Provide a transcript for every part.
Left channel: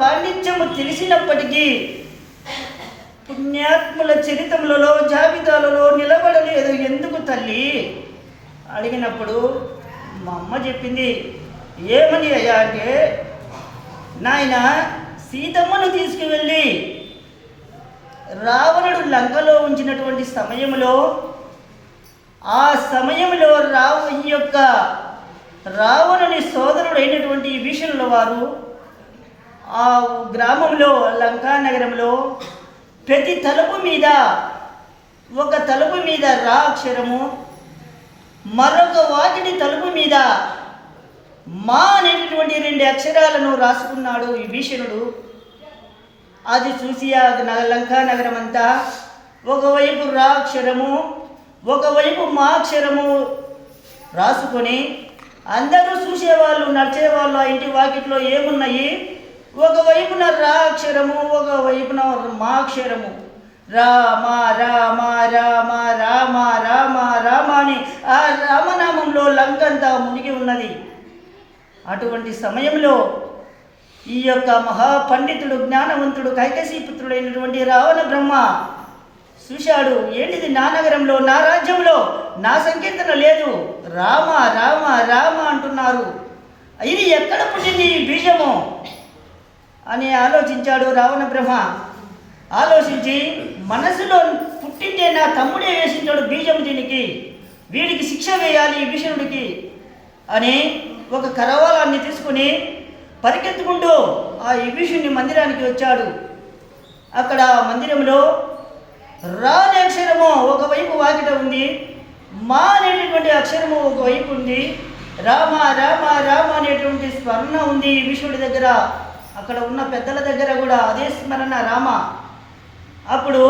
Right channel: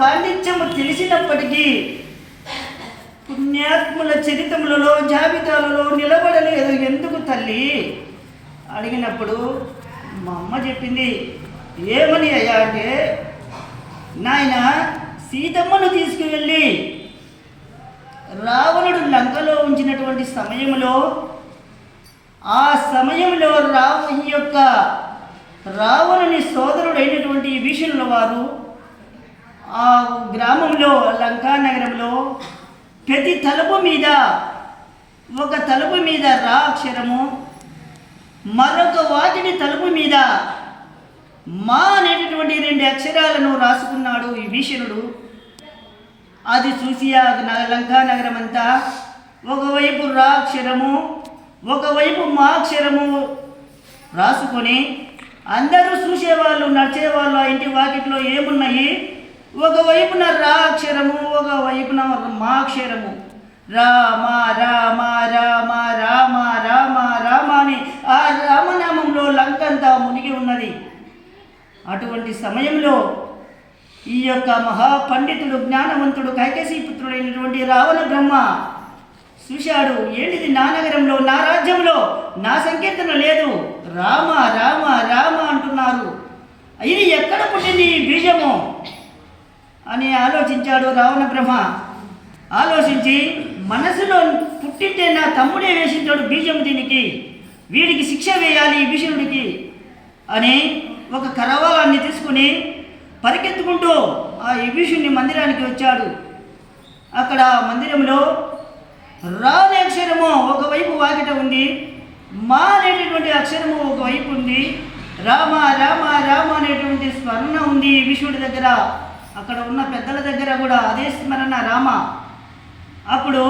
పాండిత్యము తెలిసినప్పటికీ పుణ్యాత్ముల చరిత్రములలో జాబితాలలో నిలబడలేదు ఎందుకు తల్లి అడిగినప్పుడు మా అమ్మ చెప్పింది, ఏమని అయ్యా అంటే, నాయన సీతమ్మను తీసుకువెళ్ళి రావణుడు లంకలో ఉంచినటువంటి సమయంలో ఆ సమయంలో రావణుని సోదరుడైనటువంటి విభీషణుల వారు ఆ గ్రామంలో లంకా నగరంలో ప్రతి తలుపు మీద ఒక తలుపు మీద రా అక్షరము, మరొక వాకిటి తలుపు మీద మా అనేటటువంటి 2 అక్షరాలను రాసుకున్నాడు విభీషణుడు. అది చూసి ఆ లంకా నగరం అంతా ఒకవైపు రా అక్షరము ఒకవైపు మా అక్షరము రాసుకొని అందరూ చూసేవాళ్ళు నడిచేవాళ్ళు ఆ ఇంటి వాకిట్లో ఏమున్నాయి, ఒకవైపున రా అక్షరము ఒకవైపున మా అక్షరము, రామ రామ రామ రామ రామ రామ అని ఆ రామనామంలో లంకంతా మునిగి ఉన్నది. అటువంటి సమయంలో ఈ యొక్క మహాపండితుడు జ్ఞానవంతుడు కైకసీపుత్రుడైనటువంటి రావణ బ్రహ్మ చూశాడు. ఏంటిది, నా నగరంలో నా రాజ్యంలో నా సంకీర్తన లేదు, రామ రామ రామ అంటున్నారు, ఇది ఎక్కడ పుట్టింది ఈ బీజము అని ఆలోచించాడు రావణ బ్రహ్మ. ఆలోచించి మనసులో పుట్టింటే నా తమ్ముడే వేసించాడు బీజం, దీనికి వీడికి శిక్ష వేయాలి భీషణుడికి అని ఒక కరవాలాన్ని తీసుకుని పరిగెత్తుకుంటూ ఆ విభీషణుని మందిరానికి వచ్చాడు. అక్కడ మందిరంలో రా అనే అక్షరము ఒకవైపు వాకిట ఉంది, మా అనేటటువంటి అక్షరము ఒకవైపు ఉంది, రామ రామ రామ అనేటువంటి స్మరణ ఉంది విభీషణుడి దగ్గర. అక్కడ ఉన్న పెద్దల దగ్గర కూడా అదే స్మరణ రామ. అప్పుడు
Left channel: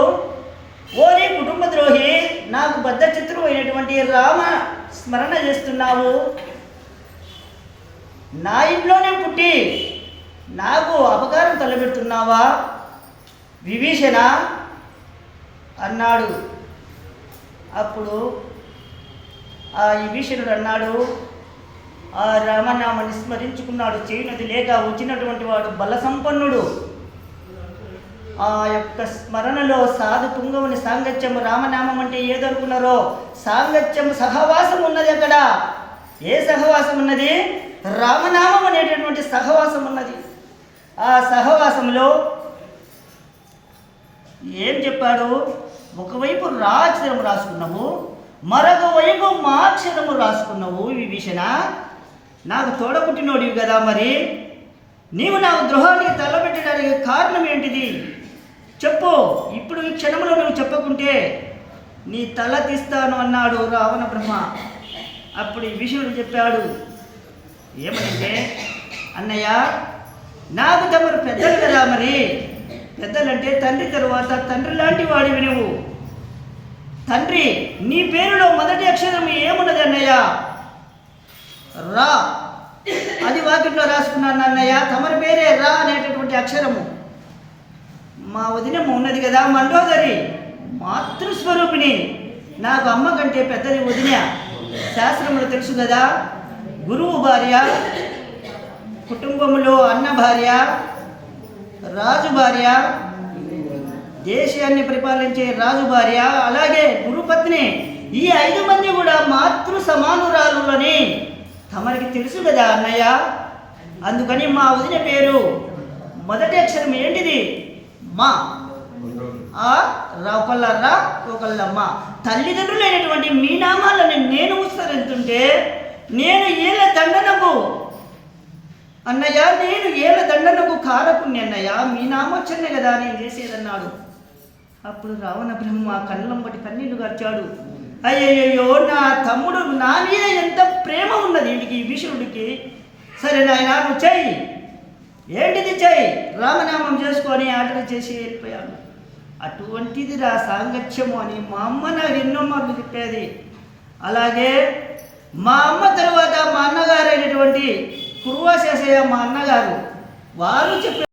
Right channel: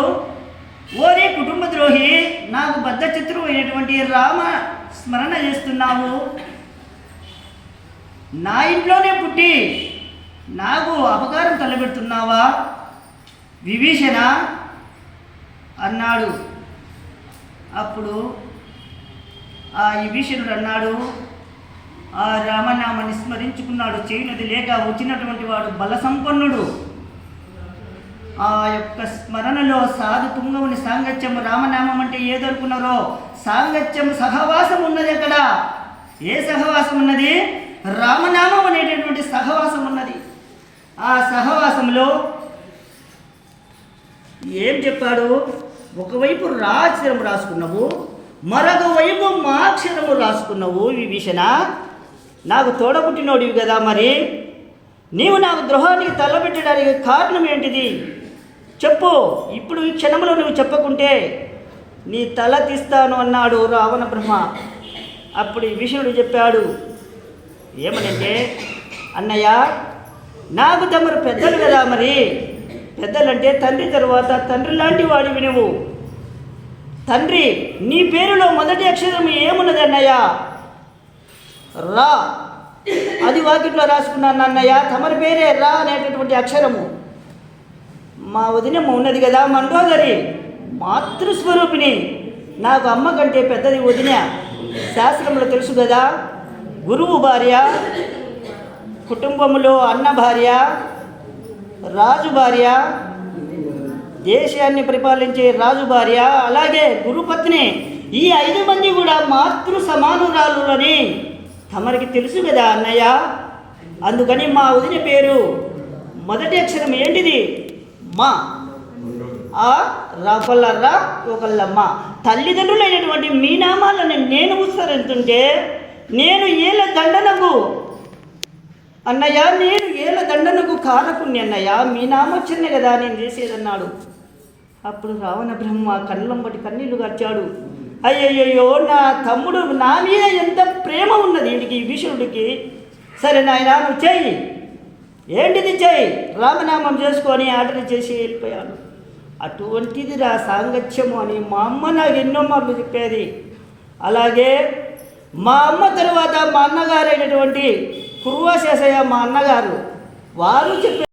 ఓరి కుటుంబ ద్రోహి, నాకు బద్ధ చిత్రం అయినటువంటి రామ స్మరణ చేస్తున్నావు, నా ఇంట్లోనే పుట్టి నాకు అపకారం తలబెడుతున్నావా విభీషణ అన్నాడు. అప్పుడు ఆ విభీషణుడు అన్నాడు, ఆ రామనామాన్ని స్మరించుకున్నాడు, చేయనది లేక వచ్చినటువంటి వాడు బల సంపన్నుడు. ఆ యొక్క స్మరణలో సాధు తుంగముని సాంగత్యం, రామనామం అంటే ఏదనుకున్నారో సాంగత్యం సహవాసం ఉన్నది. అక్కడ ఏ సహవాసం ఉన్నది? రామనామం అనేటటువంటి సహవాసం ఉన్నది. ఆ సహవాసంలో ఏం చెప్పాడు, ఒకవైపు రా అక్షరము రాసుకున్నావు, మరొక వైపు మా అక్షరము రాసుకున్నావు విభీషణ, నాకు తోడబుట్టినోడివి కదా, మరి నీవు నాకు ద్రోహానికి తల్లబెట్టడానికి కారణం ఏంటిది చెప్పు, ఇప్పుడు ఈ క్షణంలో నువ్వు చెప్పకుంటే నీ తల తీస్తాను అన్నాడు రావణ బ్రహ్మ. అప్పుడు విభీషణుడు చెప్పాడు, ఏమనంటే, అన్నయ్య నాకు తమరు పెద్దలు కదా, మరి పెద్దలంటే తండ్రి తరువాత తండ్రి లాంటి వాడివి నువ్వు. తండ్రి, నీ పేరులో మొదటి అక్షరం ఏమున్నది అన్నయ్య? రా. అది వాకిట్లో రాసుకున్నాను అన్నయ్య, తమరి పేరే రా అనేటటువంటి అక్షరము. మా వదినమ్మ ఉన్నది కదా మండోదరి, మాతృస్వరూపిణి, నాకు అమ్మ కంటే పెద్దది వదిన. శాస్త్రంలో తెలుసు కదా, గురువు భార్య, కుటుంబంలో అన్న భార్య, రాజు భార్య, దేశాన్ని పరిపాలించే రాజు భార్య, అలాగే గురుపత్ని, ఈ 5 మంది కూడా మాతృ సమానురాలులని తమరికి తెలుసు కదా అన్నయ్య. అందుకని మా వదిన పేరు మొదటి అక్షరం ఏంటిది? మా. ఆ ఒకళ్ళ రా ఒకళ్ళమ్మ. తల్లిదండ్రులైనటువంటి మీ నామాలను నేను ఉచ్చరిస్తుంటే నేను ఏళ్ళ దండనకు అన్నయ్య, నేను ఏళ్ళ దండనకు కారకుణ్ణి అన్నయ్య, మీ నామోచ్చరణ కదా నేను చేసేదన్నాడు. అప్పుడు రావణ బ్రహ్మ కళ్ళంబటి కన్నీళ్లు గార్చాడు. అయ్యయ్యో, నా తమ్ముడు నా మీద ఎంత ప్రేమ ఉన్నది వీడికి, విభీషణుడికి. సరే నాయన, నువ్వు చెయ్యి, ఏంటిది చెయ్యి, రామనామం చేసుకొని ఆర్డర్ చేసి వెళ్ళిపోయాను. అటువంటిది రా సాంగత్యము అని మా అమ్మ నాకు ఎన్నో మార్లు చెప్పేది. అలాగే మా అమ్మ తరువాత మా అన్నగారైనటువంటి కుర్వాశేషయ్య, మా అన్నగారు, వారు చెప్పారు.